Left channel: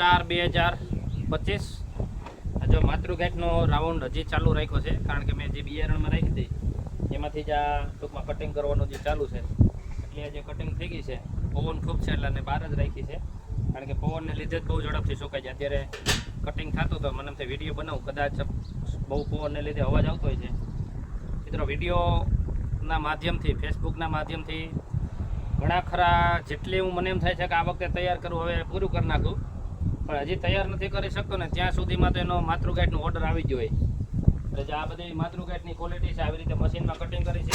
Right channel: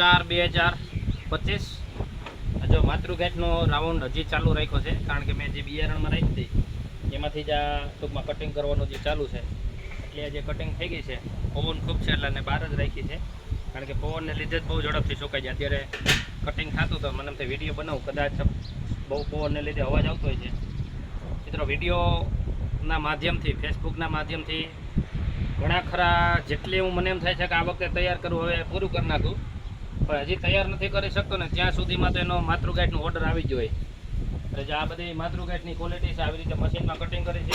4/2025 જો માતૃગાંઠનો રાઉન્ડ હજી ચાલુ રાખ્યો છે, કારણ કે મેં જે બિયારણમાં રાખી હતી એમાંથી જ આ ટૂંકમાં કટિંગ કરવાનું જે ચાલુ છે, એટલે જે કટિંગ થઈ ગઈ છે. પવન ખૂબ છે એટલે એને બહાર જ રાખી છે, કારણ કે પવનને લીધે જ બહુ ઝડપથી સુકાઈ જાય. અત્યારે કટિંગ થતું તો મને એમ થાય વિડીયો બનાવું, કદાચ બહુ પવનને લીધે અવાજ આવતો હોય છે. મિત્રો વિડીયોના માધ્યમથી, ફેસબુકના માધ્યમથી ઘણા ખરા જેટલી મને એમ થાય છે કે આ વખતે તૈયાર કરવું, હવે પૂરું કરી નાખું, પણ હજી તૈયાર નથી કરી શકતો ને ત્યાં સુધીમાં તો એનો માતૃગાંઠનો ઓર્ડર આવી ગયો હોય. એટલે જે આ બધી માતૃગાંઠની ક્વોલિટી છે આવી રીતે મશીનમાં કટિંગ કરી છે.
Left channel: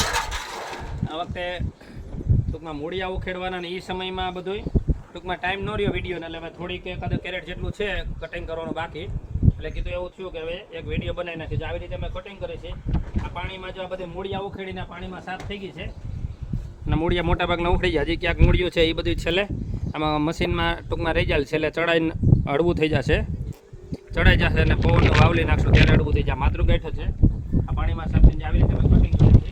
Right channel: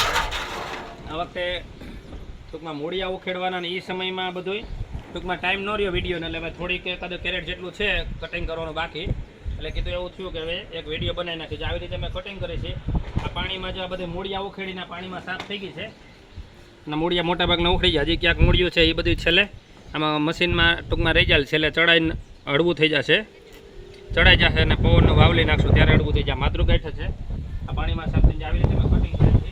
આ વખતે ટૂંકમાં મૂળિયા ઉખેડવાના ને એ સમયમાં બધું ટૂંકમાં ટાઈમ ન રહ્યો વિડીયોને, એટલે થોડીક એકાદ કેરેટ જેટલું છે કટિંગ કરવાનું બાકી. એટલે કીધું એવું થયું કે હવે એક વિડીયો બનાવી નાખી. આવી રીતે મેં કટિંગ કરી છે. આ પાણીમાં જો આ બધી મૂળિયા ઉખેડીને પાણીમાં સાફ થઈ ગઈ છે અને મૂળિયા મોટા ભાગના ઉખડી ગયા. હજી ક્યાંક મૂળિયું છે એ બધું છેલ્લે આમાં મશીનમાં ટૂંકમાં રહી જાય, છેલ્લે ચડાઈને હળવું થઈ જશે, ચડાઈ જશે અને પવનનો વાવલી નાખશું ત્યારે હળવું થઈ જાય. માતૃગાંઠ છે આ પાણીમાં સાફ થઈને આવી રીતે મેં કટિંગ કરી છે.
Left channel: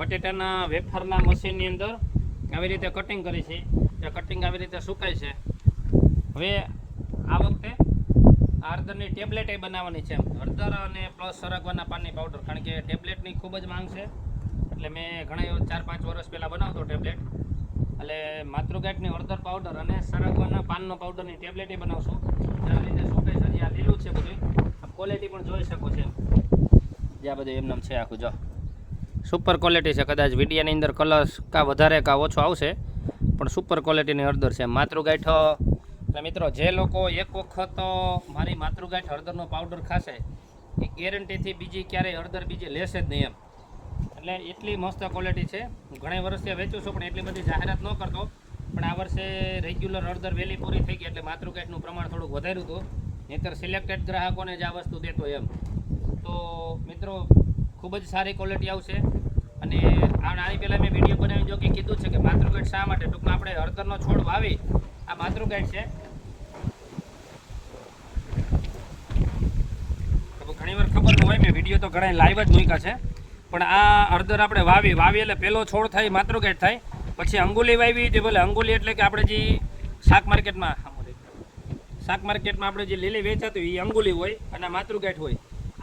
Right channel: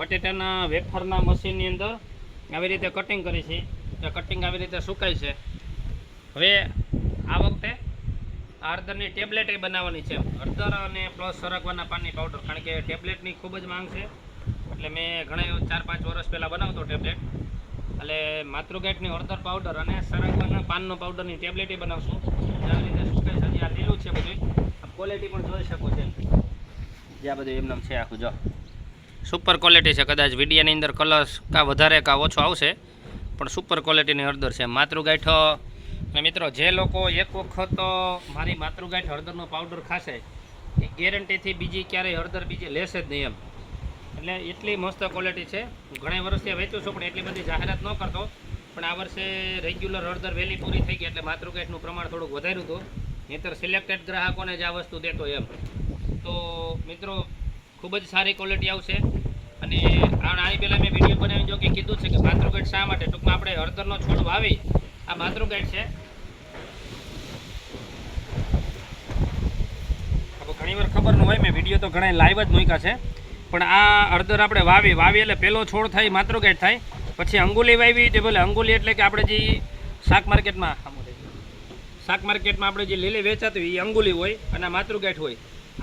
બટેટાના વેફરના મશીનની અંદર આવી રીતે કટિંગ કરી છે. કટિંગ આવી રીતે સુકાય છે. હવે આ વખતે હળદરની ટેબ્લેટ બનાવવાની છે. હળદર અને પ્લસ સરગવાના પાનની પાવડર, કારણ કે ટેબ્લેટની ખૂબ જ માંગ છે. એટલે મેં ઘણા 4-5 વર્ષ પહેલાં બનાવતો ટેબ્લેટ. એટલે માતૃગાંઠની હળદર પાવડર અને સરગવાના પાનનો પાવડરની ટેબ્લેટ બનાવશું. આવી રીતે સુકાય છે. હજી આ લીલું છે બધું. ક્વોલિટી પણ જોઈ શકો છો. જ્યાં બધું એમને છે આખું જો સુપર ક્વોલિટી છે. કદાચ વિડીયાની અંદર કલર કાં વધારે કાં ઓછો આવશે, પણ સુપર ક્વોલિટીની હળદર છે. માતૃગાંઠ અને મિત્રો જે લોકો એક વખત મારી માતૃગાંઠ હળદરનો પાવડર ખાશે એ ગેરંટીથી બીજી ક્યારેય હળદર બીજી લેશે જ નહીં એમ. એટલે એટલી મસ્ત ક્વોલિટી છે. ઘણા વર્ષથી વેચું છું પણ એટલી બધી જાહેરાત ન કરતો, પણ આ વર્ષે રેગ્યુલર હળદર વહેલી પૂરી થઈ ગઈ એટલે માતૃગાંઠનું પ્રમાણ થોડુંક વધાર્યું હતું. નહીંતર સિલેક્ટેડ ગ્રાહકોને જ આ વસ્તુ દેતો એમ. તો મિત્રો ખૂબ જ સારી ક્વોલિટી આવશે. અને આની પહેલાં મેં વિડીયો બનાવી જો કે કીધું છે કે માતૃગાંઠ શા માટે, ટૂંકમાં આપણે હળદરનો છોડ વાવી આ માતૃગાંઠ છે. ઘણી વાર ખબર ન હોય, મેં વિડીયો તો ઘણા લાઈવ જ મૂક્યા છે, પણ આ હળદર આપણે વાવી એટલે પહેલો છોડ થાય માતૃગાંઠ થાય. પછી અંગુલી વાવી જે બોલે અંગુલી એટલે કે આપણે જે શાક માર્કેટમાં આપણે જે લીલી વેચાતી હોય એ અંગુલી હોય અને માતૃગાંઠ હોય.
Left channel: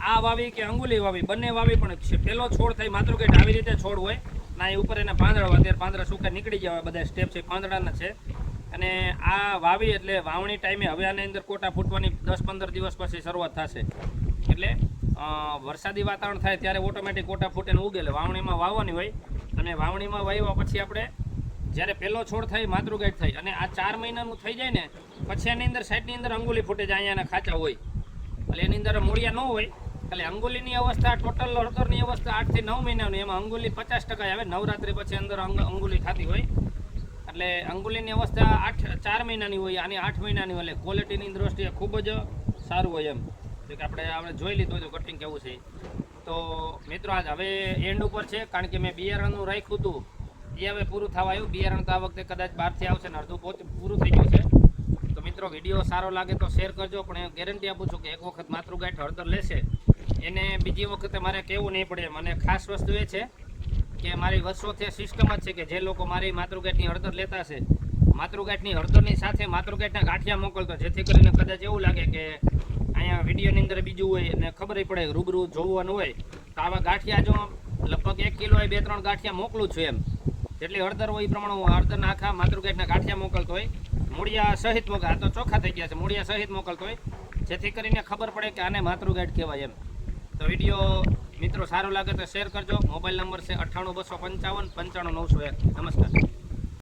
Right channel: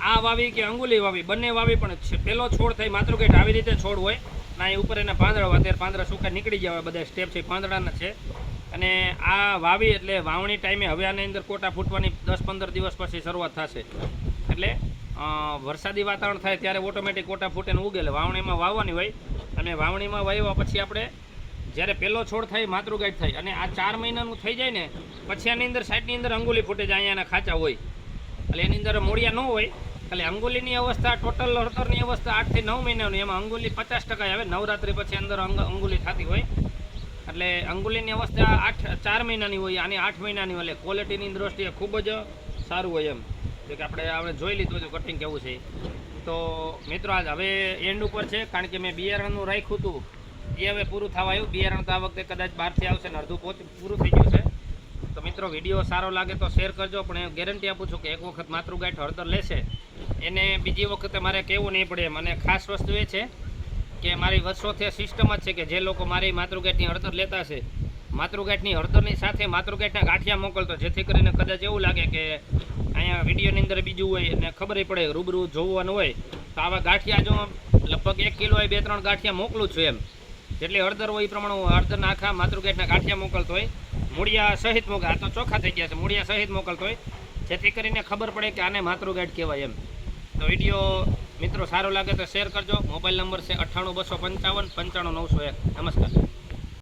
આ વાવી કે અંગુલી વાવી બંને વાવી, પણ પહેલો છોડ થાય માતૃગાંઠ. આવી રીતે છોડ હોય ના, એ ઉપર એના પાંદડા હોય. અત્યારે પાંદડા સુકા નીકળી ગયા હોય, બધા સ્ટેપ છે પાંદડાના છે. અને આ વાવી એટલે વાવણી ટાઈમે હવે આની અંદર કોટા ફૂટવાની 10-15 દિવસ પછી શરૂઆત થશે. એટલે વરસાદી વાતાવરણ થાય ત્યારે ઓટોમેટિક કોટા ફૂટેને ઉગે. વાવણીમાં વાવવાની હોય અને વાવણીમાં વાવ્યા પછી આપણે જ્યારે પહેલો છોડ થાય માતૃગાંઠ થાય અને આ 4 મહિનાનું થઈ જાય ને પછી આની અંદર સાઈડની અંદર અંગુલી ફૂટે જાય, અહીંયાના ખાચા હોય. એટલે એની અંદર મૂળિયા ન હોય. એટલે અંગુલીની અવસ્થા, ટોટલ હળદરની અવસ્થા 8 થી 9 મહિનાની, એમાં અંગુલી 50% આવે. નવરાત્રી પછી અંદર અંગુલી થતી હોય. એટલે અંગુલીની અવસ્થા 4 મહિનાની હોય, આની 8 મહિનાની હોય. એટલે ક્વોલિટીની દ્રષ્ટિએ ખૂબ જ સારું હોય એમ. કે આપણે જોઈ લીધું હતું કટિંગ કેવું છે. તો મિત્રો આજ હવે એન્ડ ઉપર છે, કારણ કે મેં બિયારણનું રાખ્યું હતું એ હવે પૂરું થવા આવ્યું. બિયારણ તો આ વખતે કદાચ બહારથી આવશે ને અડધું પૂરું થઈ ગયું છે. તો મિત્રો વિડીયો સારો લાગે તો શેર કરજો, પણ એ ગેરંટી આપું છું કે એક વખત માતૃગાંઠ હળદર લેશે એને બીજી વખતે મારે કહેવું નહીં પડે એમ. અને ખાસ વસ્તુ એ છે કે મારી વર્ષોથી સિસ્ટમ જ છે કે જે લોકો મારી માતૃગાંઠની હળદર લેતા હશે, માતૃગાંઠની હળદરની સાથે માતૃગાંઠના ગાંઠિયા મોકલતો, જેથી કરીને કદાચ એવું લાગે કે અહીંયા વિડીયોની અંદર બીજું હોય અને ખબર પડે રૂબરૂ જોવાનું હોય તો આવા ગાંઠિયા જો લગભગ 1 કિલો 2-3 ગાંઠિયા મોકલું છું એમ. જેટલી હળદર હોય એ પ્રમાણે હું હળદરના આખા માતૃગાંઠના ગાંઠિયા મોકલતો હોય. મૂળિયા સહિત મોકલ, આ તો ચોખ્ખા થઈ ગયા છે, મૂળિયા સહિત મોકલતો હોય, જેથી કરીને ખબર પડે કે આને માતૃગાંઠ કહેવાય એમ. તો વિડીયો મિત્રો સારો લાગે તો શેર કરજો. મોબાઈલ નંબર છે 98 255 95 901. નમસ્કાર.